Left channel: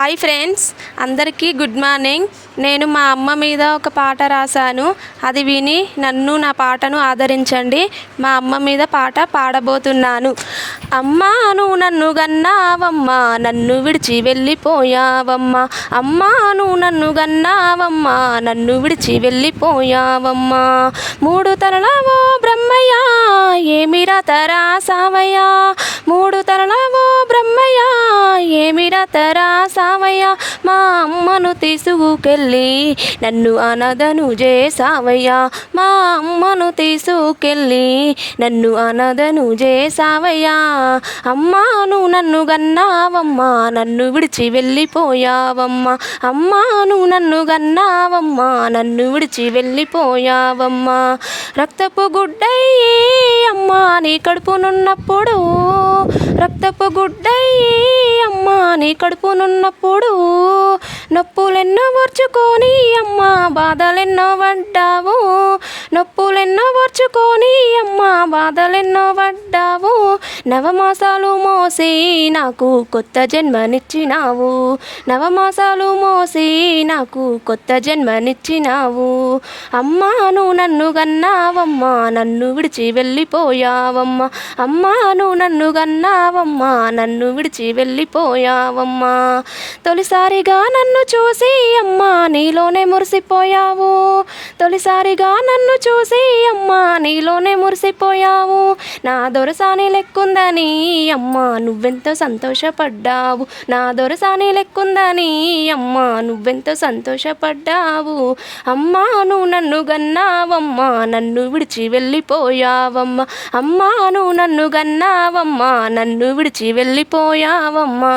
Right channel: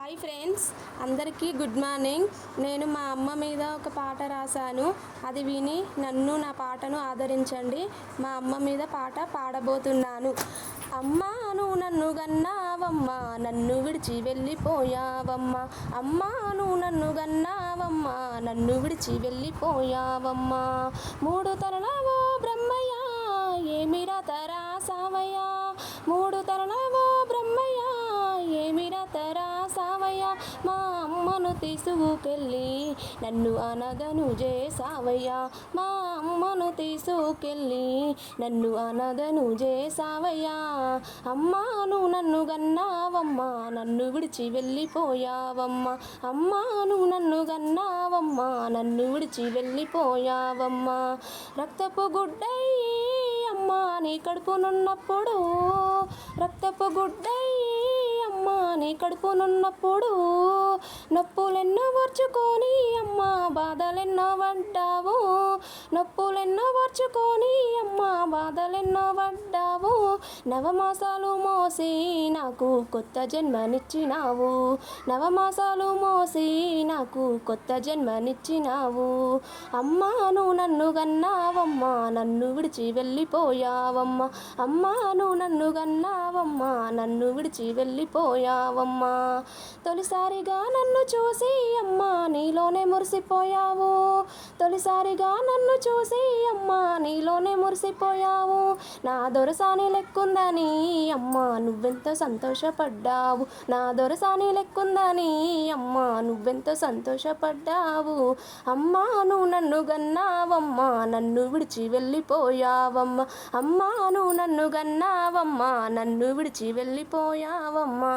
Hi friends, అందరికీ good morning. నేను మా అమ్మ మీద ఒక పాట రాశాను. అది విని నన్ను నా పాటను ఆదరించండి. మా అమ్మ మీద పాట పాడబోతున్నాను. అమ్మా నువ్వు నన్ను గన్నావమ్మా, నన్ను విడిచి వెళ్ళిపోయావమ్మా. అమ్మా నువ్వు నన్ను గన్నావమ్మా, నన్ను విడిచి వెళ్ళిపోయావమ్మా. మూడు తరలవో బ్రహ్మయ్య, ఏమిరా తరా సావయ్య. మూడు తరలవో బ్రహ్మయ్య, ఏమిరా తరా సావయ్య. మా అమ్మను తీసుకెళ్ళి నన్ను అనాథను చేసావయ్యా. మా అమ్మను తీసుకెళ్ళి నన్ను అనాథను చేసావయ్యా. అమ్మా నువ్వు నన్ను గన్నావమ్మా, నన్ను విడిచి వెళ్ళిపోయావమ్మా. అమ్మా నువ్వు నన్ను గన్నావమ్మా, నన్ను విడిచి వెళ్ళిపోయావమ్మా. రక్తపు గుడ్డయ్యి అమ్మా నీ కడుపునున్నప్పుడు, రక్తపు గుడ్డయ్యి అమ్మా నీ కడుపునున్నప్పుడు, నొప్పులెన్నో ఓర్చుకొని అమ్మా బాధలెన్నో పడ్డావు. నొప్పులెన్నో ఓర్చుకొని అమ్మా బాధలెన్నో పడ్డావు. నవమాసాలు మోసి నాకు కొత్త జన్మనిచ్చినావు. నవమాసాలు మోసి నాకు కొత్త జన్మనిచ్చినావు. అమ్మా నువ్వు నన్ను గన్నావమ్మా, నన్ను విడిచి వెళ్ళిపోయావమ్మా. అమ్మా నువ్వు నన్ను గన్నావమ్మా, నన్ను విడిచి వెళ్ళిపోయావమ్మా. తొలిసారిగా నన్ను చూసి అమ్మా నీలోనే మురిసిపోయావు. తొలిసారిగా నన్ను చూసి అమ్మా నీలోనే మురిసిపోయావు. నా దొరసాని లెక్కుందని అమ్మా నువ్వెంతో సంతోషపడ్డావు. నా దొరసాని లెక్కుందని అమ్మా నువ్వెంతో సంతోషపడ్డావు. అమ్మా నువ్వు నన్ను గన్నావమ్మా, నన్ను విడిచి వెళ్ళిపోయావమ్మా. అమ్మా నువ్వు నన్ను గన్నావమ్మా, నన్ను విడిచి వెళ్ళిపోయావమ్మా.